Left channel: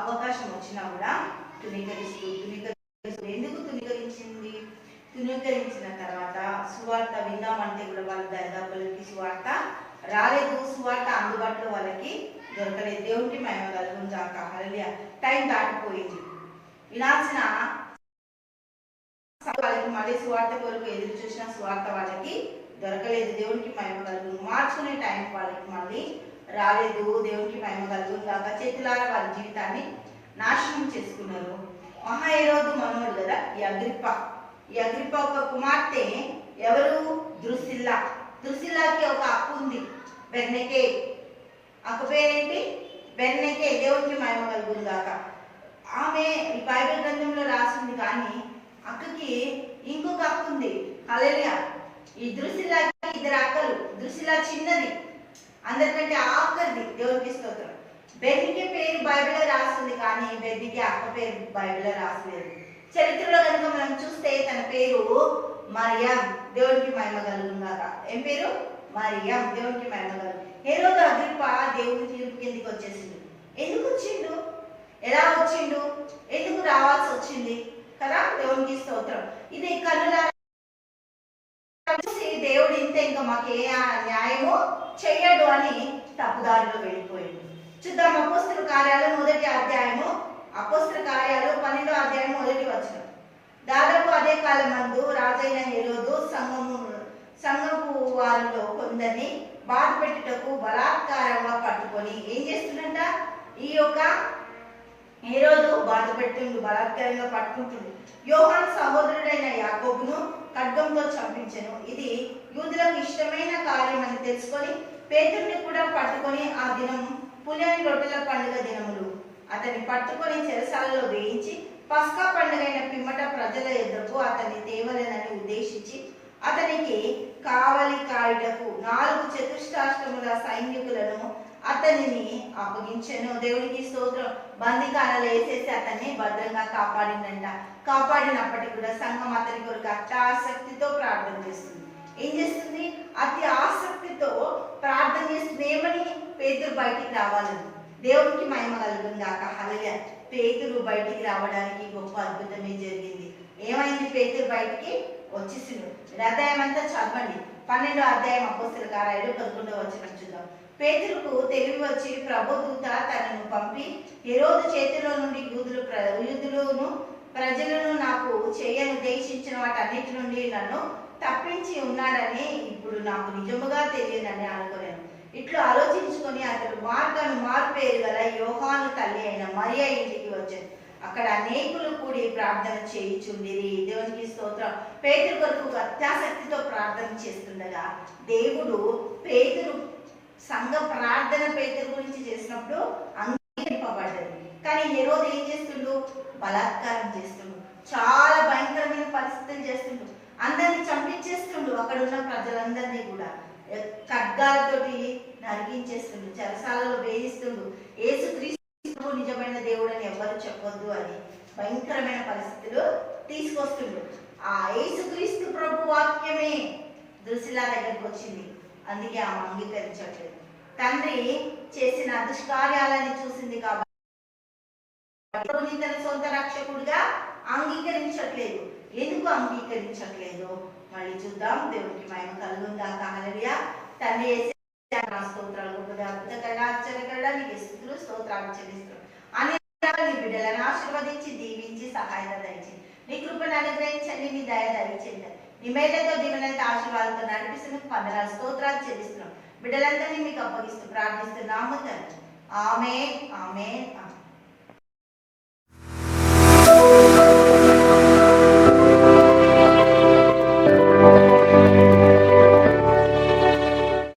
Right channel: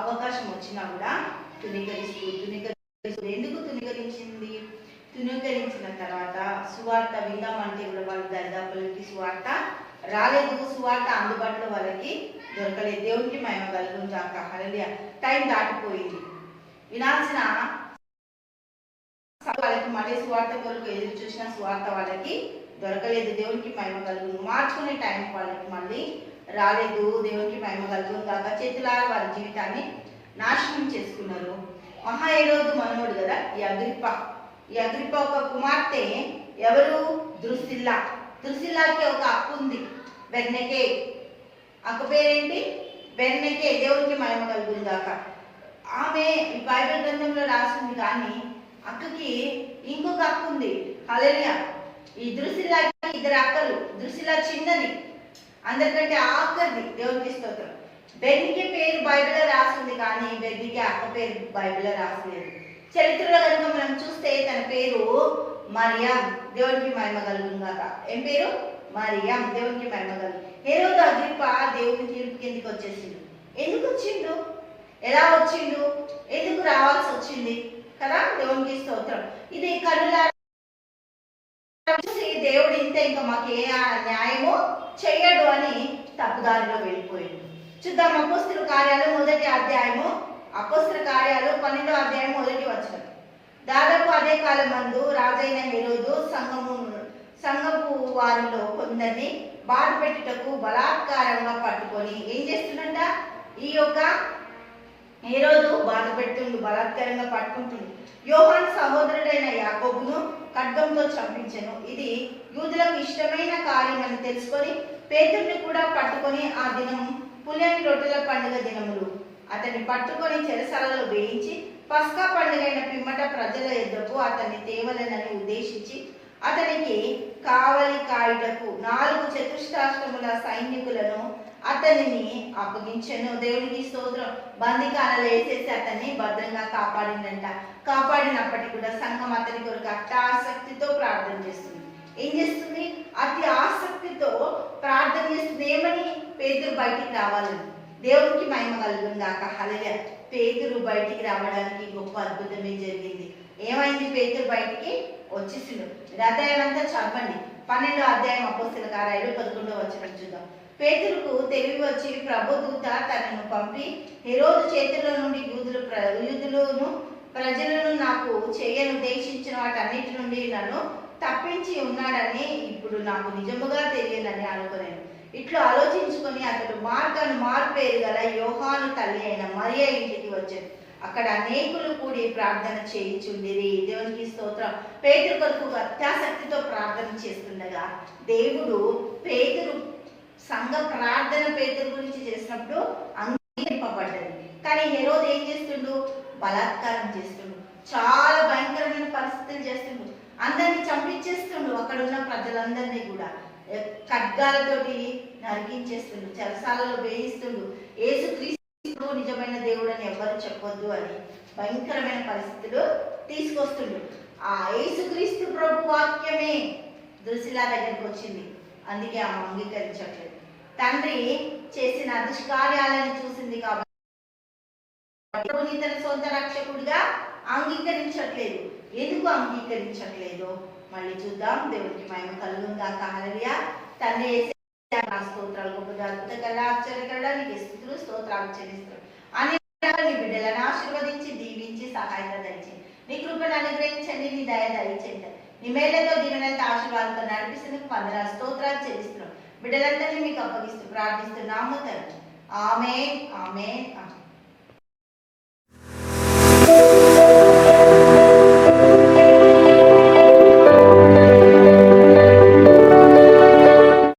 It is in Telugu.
అవకాశం వచ్చినా కూడా తునీకరిస్తూ ఎందుకు తునీకరించింది? తునీకరించిన తర్వాత సువార్త విందామంటే కూడా వాళ్ళు దరిదాపులకి సువార్త రాలేదు, సువార్త అందుబాటులో వాళ్ళకి దొరకలేదు. దేవునికి మహిమ కలుగును గాక. హల్లెలూయా. టైం దాటిపోయింది. వినాల్సిన వాళ్ళకి మళ్ళీ సువార్త కొరకు ఎదురు చూసిన సువార్త వాళ్ళకి దొరకలేదు. దేవునికి మహిమ కలుగును. మార్చుకునే టైం వాళ్ళకి మళ్ళీ రాలేదు. దేవునికి మహిమ కలుగును గాక. చేతులారా వారి జీవితాన్ని నాశనం చేసుకున్నారు. మహాహేరోదు మనోడు కదా ఈ అగ్రిప్ప ఒక కుమార్తె ఎవరు? ద్రుసిల్లాకి ఒక అక్క ఉంది, బెర్నకే. అక్క పేరేంటి? బెర్నకే. దేవునికి మహిమ కలుగును గాక. ఆమె ఈ బైబిల్ గ్రంథంలో రాసింది, కానీ అక్కకి ఇంకొక అక్క ఉంది. హల్లెలూయా. ఈ ద్రుసిల్లాకి ఇద్దరు అక్కలు. ద్రుసిల్లా చిన్నది, అందరికంటే ఆఖరిది. దేవునికి స్తోత్రం. బెర్నీకి పేరు బైబిల్లో రాసింది, కానీ బెర్నీకి అక్క పేరు బైబిల్లో రాసలేదు. చరిత్రలో కనుక మనం చూస్తే తన పేరు మరియం. దేవునికి మహిమ కలుగును గాక. ఏం పేరు? మరియం. దేవునికి మహిమ కలుగు. హేరోదు అగ్రిప్ప దేవుని తీర్పు కిందికి వచ్చేసిండు. ఎందుకు వచ్చిండు? ఎలా వచ్చిండు? ఎందుకు రావాల్సి వచ్చింది కదా? దేవునికి స్తోత్రం. ఇది కన్నులారా చూసి దేవుడు ఇంతే, ఇంకా మాకు ఏ న్యాయమో చెయ్యడు అని తప్పుదారిలో వెళ్ళిపోయిండు. చూద్దాం. అపోస్తల కార్యాలు 1వ అధ్యాయము. అపోస్తల కార్యాలు 12వ అధ్యాయం 1వ వచనం. దాదాపు అదే కాలం మందు రాజైన హేరోదు సంఘపు వారిలో కొందరిని బాధ పెట్టుటకు బలాత్కారంగా పట్టుకొని ఏం చేస్తుందంట? ఈ యొక్క హేరోదు బాధ పెడుతుండు, బలాత్కారంగా పట్టుకుంటుండు. యోహాను సహోదరుడైన యాకోబును ఖడ్గంతో చంపించెను. ఇది యూదులకు ఇష్టమైన కార్యం అని తెలుసుకొని పేతురుని కూడా పట్టుకొని ఆ దినం పులియని రొట్టెల పండుగ దినములు అతన్ని పట్టుకొని చెరసాలలో వేయించి పస్కా పండుగైన పిమ్మట ప్రజల ఎదురుకు అతన్ని తేవలేనని ఉద్దేశించి అతనికి కావలి కాయుటకు 4 చతుష్టాష్టముల సైనికులను అతనిని అప్పగించెను. దేవునికి స్తోత్రం. బందికాలలో వేసేసి అతన్ని భద్రంగా కాపాడిందంట. కాపాడినప్పటికీ కూడా సంఘం అతని కొరకు అతి ఆసక్తితో ప్రార్థన చేస్తుంది. ఏం చేస్తుంది? అతి ఆసక్తితో ప్రార్థన చేస్తుంది. ఏమని? పేతురు బయటికి రావాలని. దేవునికి మహిమ కలుగును గాక. హల్లెలూయా. పేతురు బయటికి రావడానికి గొప్ప అద్భుతమే జరిగింది. ఏమైంది? పేతురు బయటికి వచ్చేసిండు. అధ్యాయం అంతా చదవండి. 12వ అధ్యాయం అపోస్తల కార్యాలు 11వ వచనం చూద్దాం. పేతురుకు తెలివి వచ్చి ప్రభుదూత తనను పంపి హేరోదు చేతిలో నుండి యూదులను ప్రజలను నాకు చేయనుద్దేశించిన వాటన్నిటి నుండి నన్ను తప్పించి ఉన్నాడని ఇప్పుడు నాకు నిజముగా తెలియనని అనుకున్నాను. ఇట్లా ఆలోచించుకొని అతడు మారు పేరు గల యోహాను తల్లి అయిన మరియ ఇంటికి వచ్చాను. అక్కడ అనేకులు కూడి ప్రార్థన చేయించుండిరి. దేవునికి స్తోత్రం. పేతురు కొరకు అత్యాసక్తితో ప్రార్థన చేస్తుండగా దేవుడు పేతురు సంఘ ప్రార్థన పేతురు గురించి చేసినప్పుడు అంగీకరింపబడ్డది. కానీ హేరోదు ఏం చేస్తుండు? బలాత్కారం చేస్తుండు. చాలా భయంకరమైన పరిస్థితులు చేస్తుండు. అందరిని చంపించేస్తుండు. అక్కడ ఉన్న ప్రజలందరినీ కూడా ఖడ్గాలతోటి నరికించేస్తుండు, చెరసాలలో వేయిస్తుండు. యేసుక్రీస్తు నిజమైన దేవుడు అని ఎవరు చెప్పొద్దు అని భయంకరమైన పరిస్థితులు తీసుకొస్తుండు. ఆ యేసుక్రీస్తు ప్రభు వాక్యమే ద్రుసిల్లా దగ్గరికి వచ్చింది. అందుకే ఆమె అంగీకరించట్లేదు. తండ్రి చేసిన దుష్కార్యాలని చూసింది కాబట్టి తన సొంత రక్షకుడిగా అంగీకరించట్లేదు. ఎందుకు అంగీకరించట్లేదు? మళ్ళీ చూద్దాం. దేవునికి మహిమ కలుగును గాక. హల్లెలూయా. తండ్రి స్తోత్రాలు, గొప్ప అద్భుతకల్లా ఆశ్చర్యకల్లా నీకు స్తుతులు స్తోత్రాలు చెల్లిస్తున్నాం. అన్ని నీ బిడ్డలను ఆశీర్వదించి దీవించి సహాయత దయచేయండి. నీ కృపను అనుగ్రహించండి. నీ దయ దయచేయండి. నీ మేళ్లతో దీవెనలతో ఆశీర్వాదంతో నడిపిస్తున్న వందనాలు స్తోత్రాలు చెల్లిస్తున్నాం. బిడ్డలందరినీ మీకు అప్పగిస్తూ ప్రార్థిస్తున్నాము తండ్రి. ఆమేన్. ఆమేన్.